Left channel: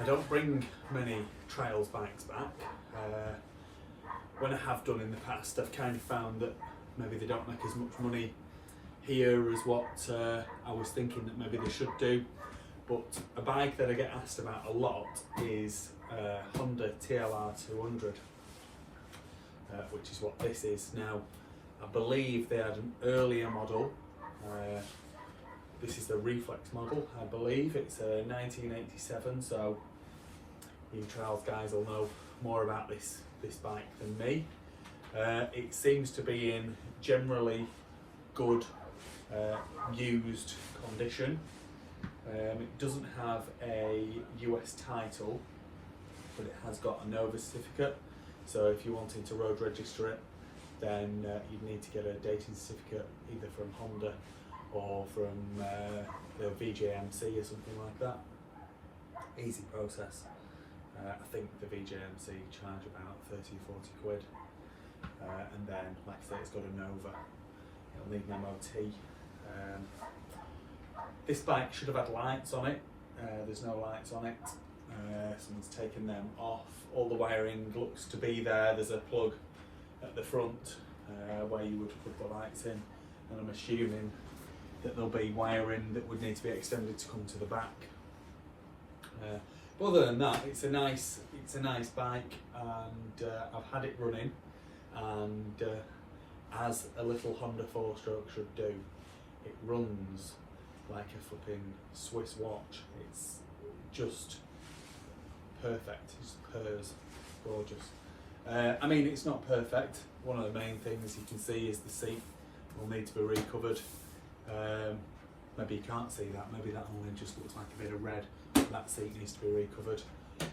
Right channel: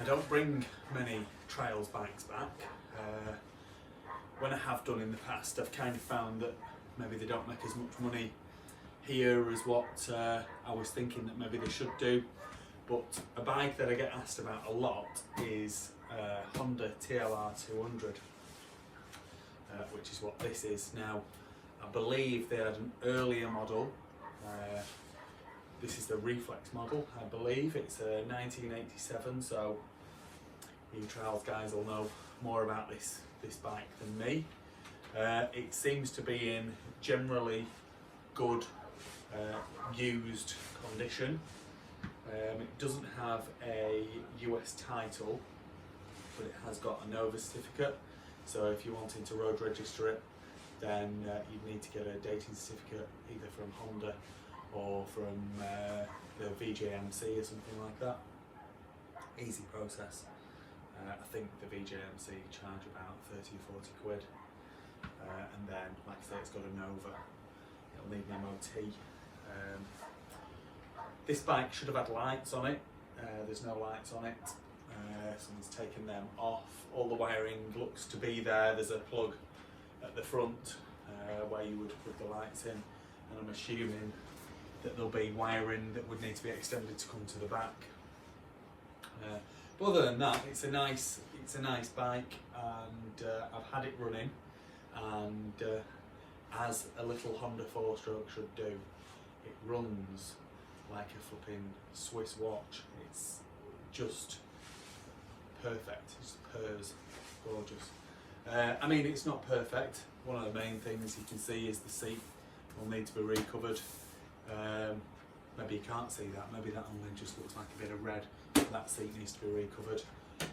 I don't bring many trials bikes back. When I have done in the past, I've kind of found that maybe they don't make as much money here as what I was thinking that maybe they should do. But a bike that I get asked about a lot is Honda TLR200, which is what this is. Now, I believe they had an earlier model. This is the Reflex model, I believe. It's a 1987, so you trials guys will know more about this bike than me. It seems to be in generally good used condition. It doesn't have a US title, but it has got a Nova certificate. So if you're wanting to road register it, then you'd need to get a dating certificate either from Honda or from the VJMC or something like that. Easy process. I think the VJMC charge about 30 or 40 quid. And then, like I say, it's got a Nova. It'll need an MOT. This bike should have had lights on it. There's no lights on it. Someone's taken them off. All the wiring looks to be there. There's a plug at the front where you would plug the lights in, and I'm assuming that there'll be wiring that would need to be extended to come to the back. But other than that, it's a nice bike, and I've had it running, and as a little Honda 4-stroke should do, it runs like a flipping Swiss watch. It's just perfect. It's purrs, gorgeous. I mean, it's not perfect. One of the main things you can see is the seat will need to be recovered. Maybe you can't see that. Maybe that only just looks like a bit of red. That seat needs to be recovered.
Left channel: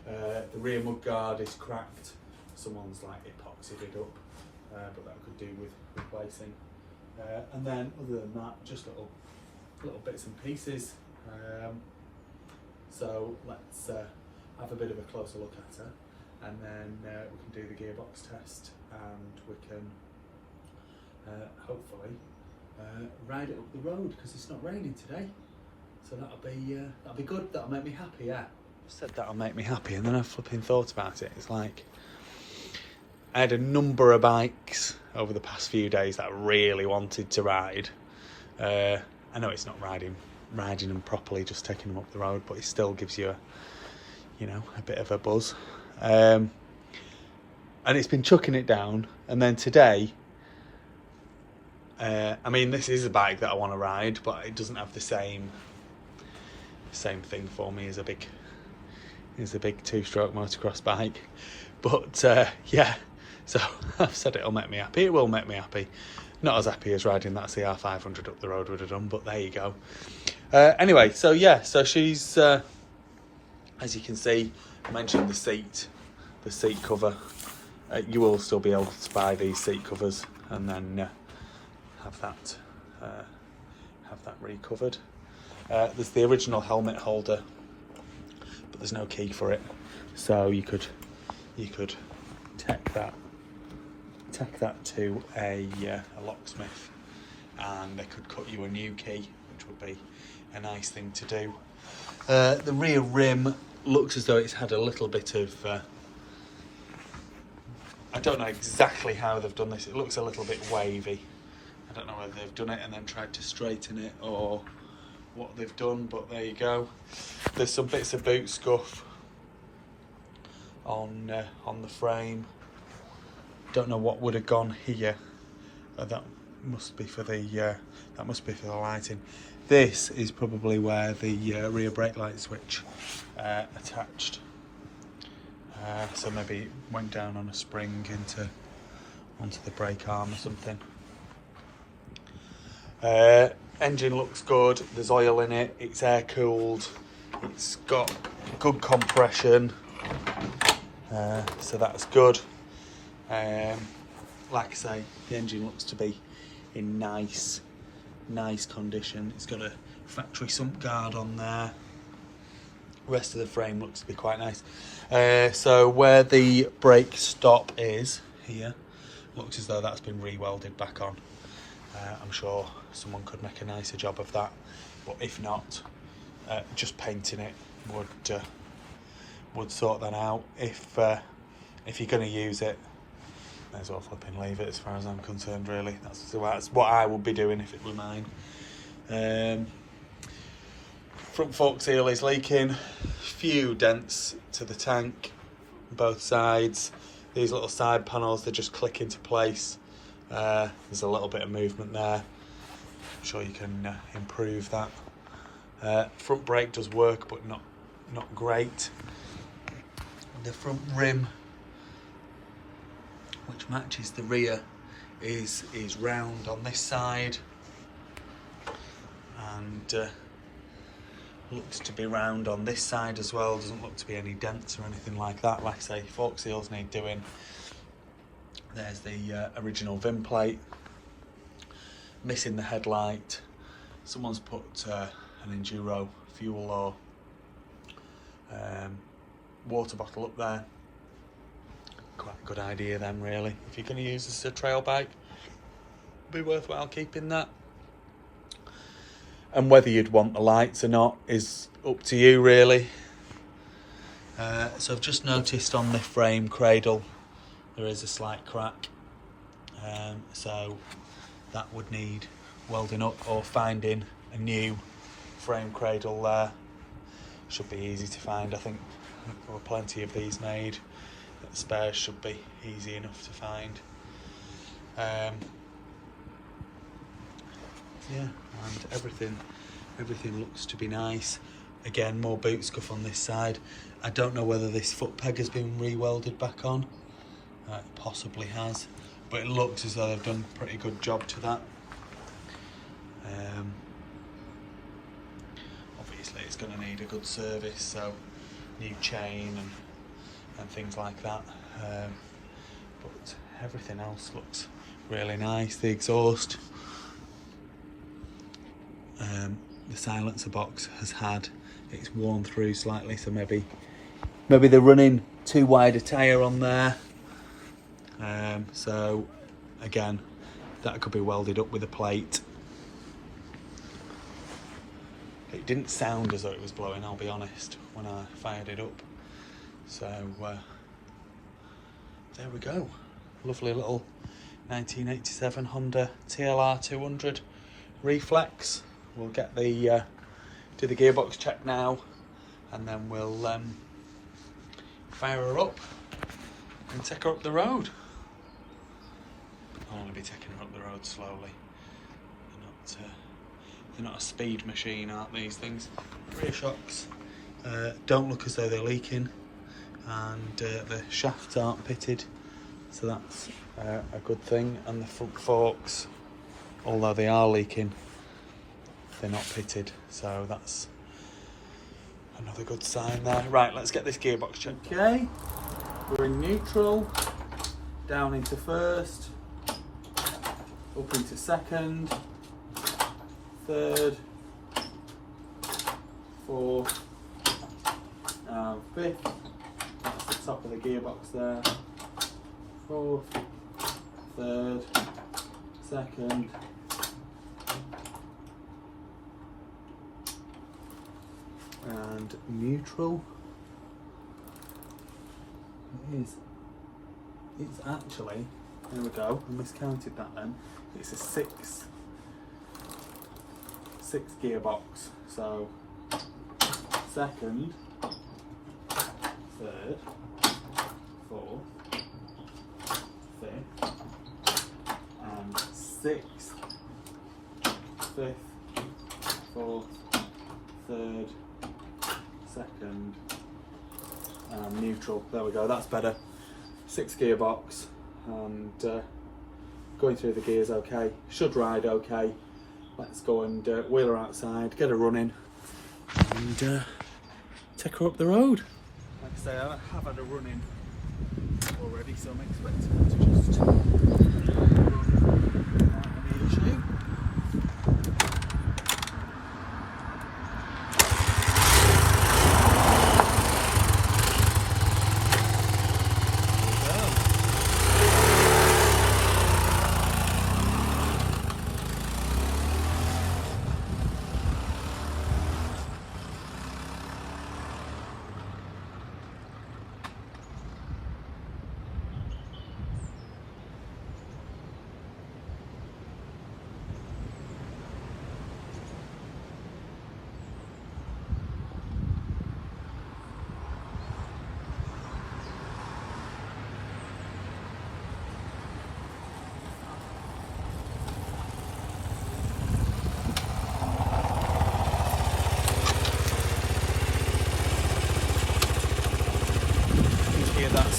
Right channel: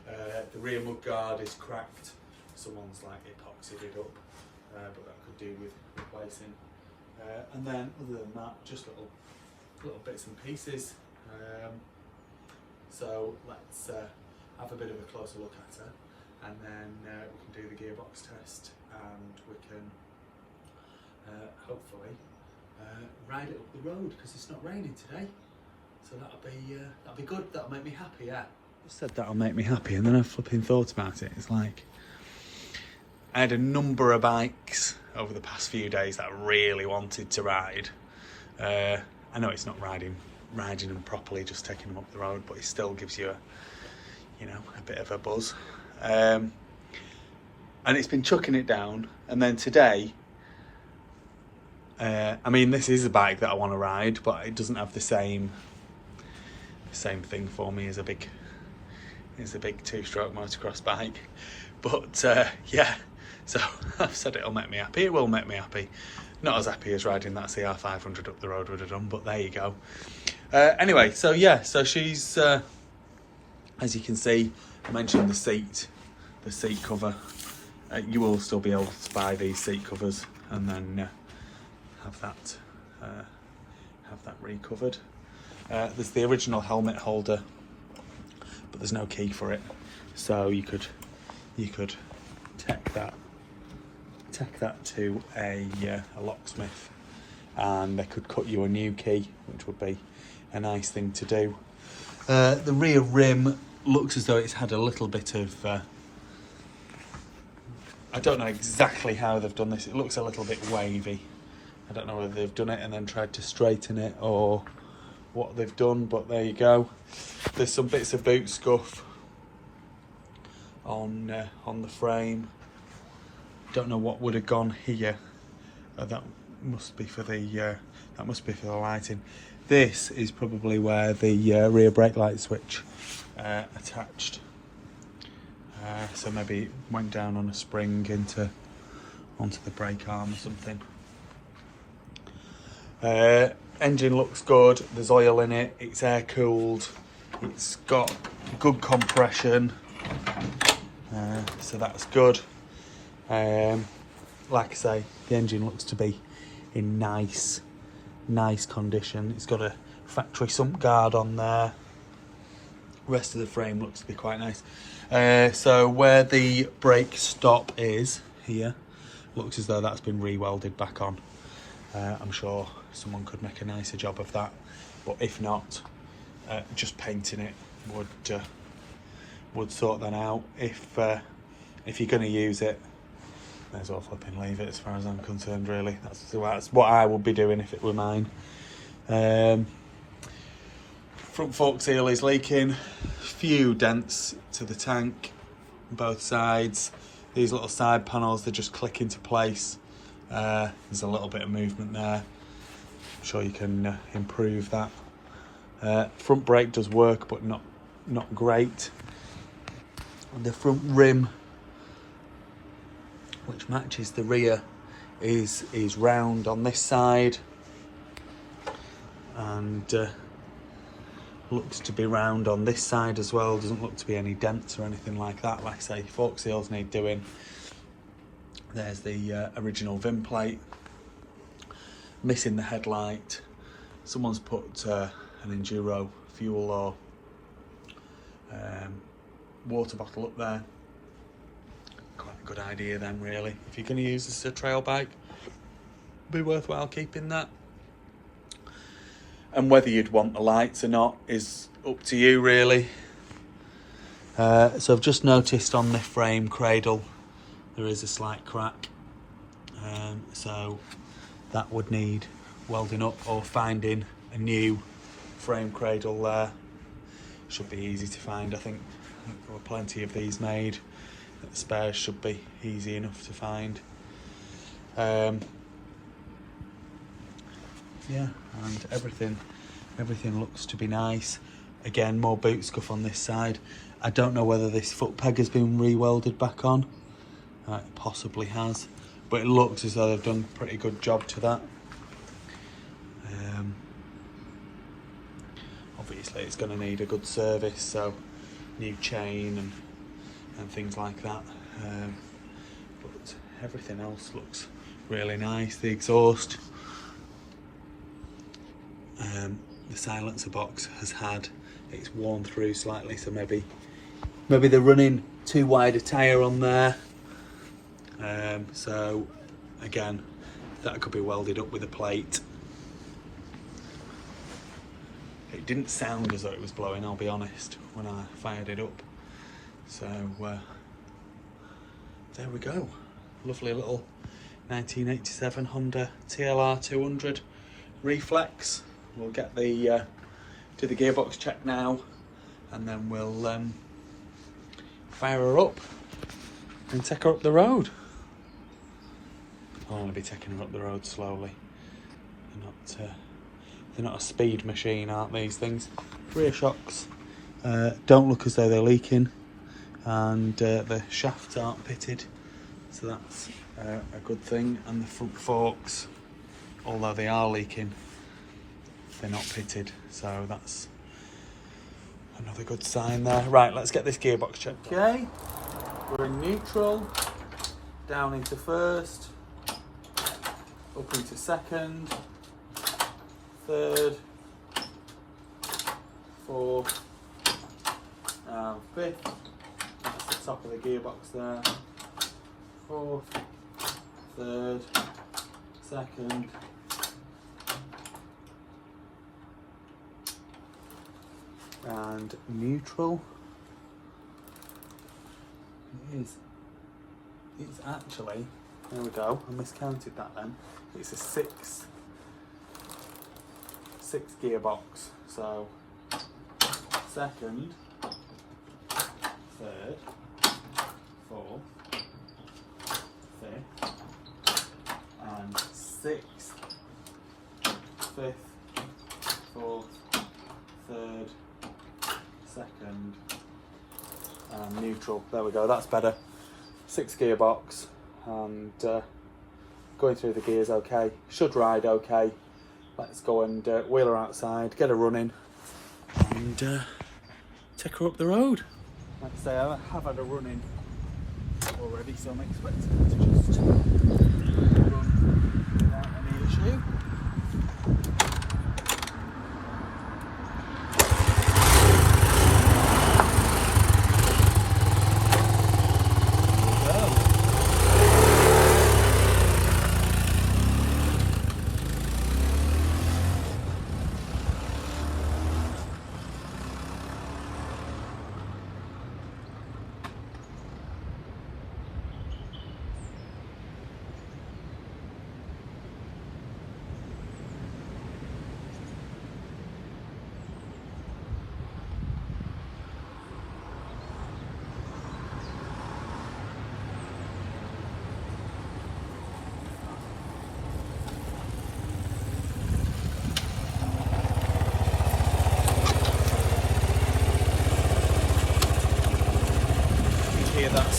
The rear mudguard is cracked. Someone's like epoxied it up, but that could do with replacing. And then other than that, just little bits and pieces. So let's have a bit of a closer look at her, and then we can do the gearbox test, and we can hopefully ride it up the road, because it's not raining today. So that'll be good. That'll make me happy. Yeah. I said that'll make me happy, and then I flipping thought about it. It's like I had a number of bikes over the past few days that I really wanted to ride. I know it's not riding them properly, just taking them up the road, but it still gives you a bit of a buzz. And it's been chucking it down, and then today, I mean, this is a bike that I want to ride, but it doesn't have the same thing for me as a big 2-stroke motocross bike. But yeah, so I've said it'll make me happy. It will make me happy. Not as happy as riding that CR500 up the road would have done, but there you go. Anyway, so yeah, so she's as you can see, I mentioned the seat cover. You will still be able to buy these seat covers and then have that recovered. There's the original helmet holder, but there's no key for it, so you could take that to a locksmith, and they could cut you a new key, which would be a nice thing to do. The rear rim looks as though it's had a little bit of I don't know exactly how they've done this. It looks a little bit wavy. I don't know whether they've done it and then tried to straighten it or what they've done, but there you go. There's some bits of boot scuff on the frame. Don't know what would have gone here. That must be for the lighting. This is probably where the rear brake light switch attached. So maybe it went down on a spring onto the brake arm or something. Engine looks good. There's oil in it. It's air cooled. It's got good compression. So that's good. Like I say, the engine looks to be in nice condition. It's got a factory sump guard on there. Rest of the frame looks to be quite nice. So where the brake stop is here, looks as though that's been re-welded back on. I'm sure someone could make a nicer job of that, but if not, just painting it would sort that out. If you're going to use it, may as well flipping leave it as far as I'm concerned, really. That's what I would be doing if it were mine. Front fork seal is leaking. Few dents to the tank on both sides. These little side panels, they just click into place. There's a little bit of movement there. I'm sure you can improve that. Front brake does work, but not great. The front rim, which matches the rear, is round on this side, and looks to be round on this side as well. Doesn't look to be any dents or anything like that. Like I say, fork seals need doing. There's the original VIN plate. Missing the headlight. Someone's put an Enduro fuel or water bottle up there. Quite a good idea then, really. If you're going to use this as a trail bike, be worthwhile keeping that. And whether you'd want the lights or not is up to you, really. So I've just noticed on the frame cradle there is a slight crack, so that would need welding up or finding a new frame cradle there. Should be easy to find, I think. There were plenty of these made. The spares should be easy enough to find. Yeah, and everything looks to be nice. Again, more boot scuff on this side. I don't know whether this foot peg has been re-welded back on. It possibly has, but it looks as though they've done a pretty good job to that. Obviously it's going to need a good service, so new chain and things like that. But everything else looks really nice. The exhaust, the silencer box has had, it's worn through slightly, so maybe they're running too wide a tyre on there. So again, that could be welded up with a plate. It didn't sound as though it was blowing, I'll be honest, when I fired it up. So there we go. Lovely little 1987 Honda TLR200 Reflex. We'll get the do the gearbox check now, and then we'll fire her up and take her up the road. I'll only be taking her up the road slowly. They're not a speed machine, aren't these things? Rear shocks don't look as though they're leaking, and the shafts aren't pitted, so that's a good thing. And the front forks, although they are leaking, they're not pitted, so that's another good sign there. Right, let's get this gearbox check. Okay, we're in neutral, down into first, up into second, third, fourth, and fifth. That's the top of the gearbox there. Fourth, third, second, and neutral. It's actually, there we go, I miscounted that then. It's a six gearbox, so second, third, fourth, fifth, and sixth, fifth, fourth, third, second, and neutral. There we go, that's better. 6 gearbox, and going through the gears okay. Should ride okay. Let's go and wheel her outside, get her running, and take her up the road. Like I say, I have had a running already, so I'm expecting her to just run without any issue.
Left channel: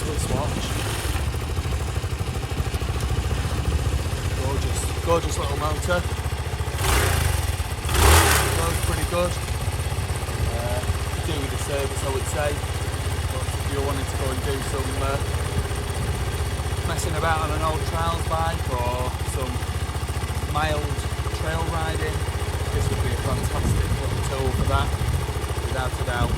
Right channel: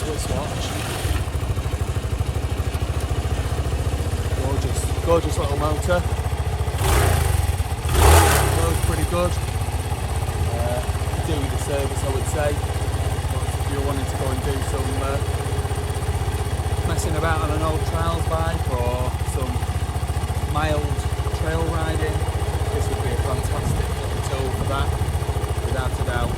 foot swatch. Gorgeous little motor. Goes pretty good. Do with the service, I would say. But if you're wanting to go and do some messing about on an old trials bike or some mild trail riding, this would be a fantastic little tool for that, without a doubt.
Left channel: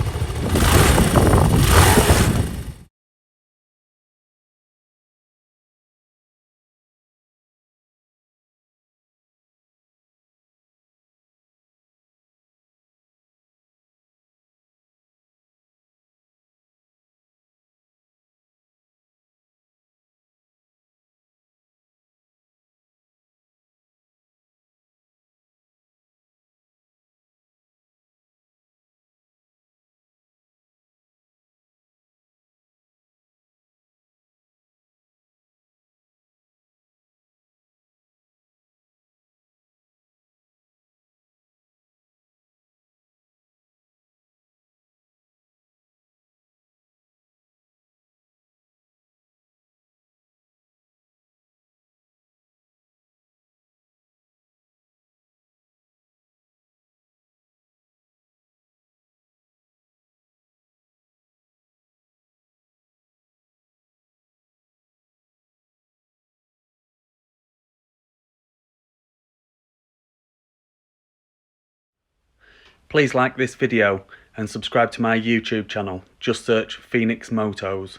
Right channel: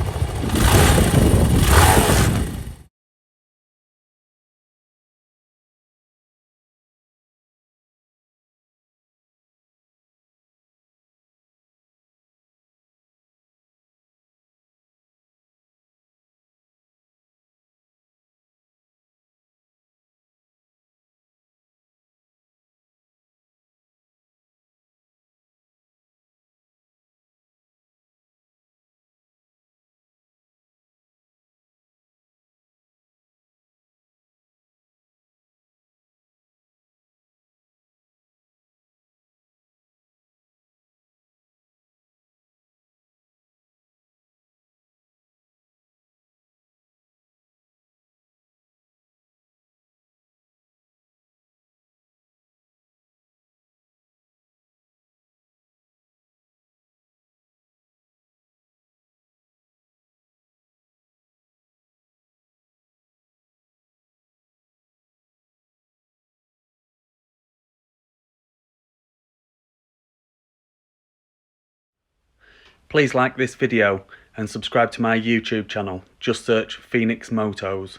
Please like this video and subscribe to my YouTube channel. Just search Phoenix Motos.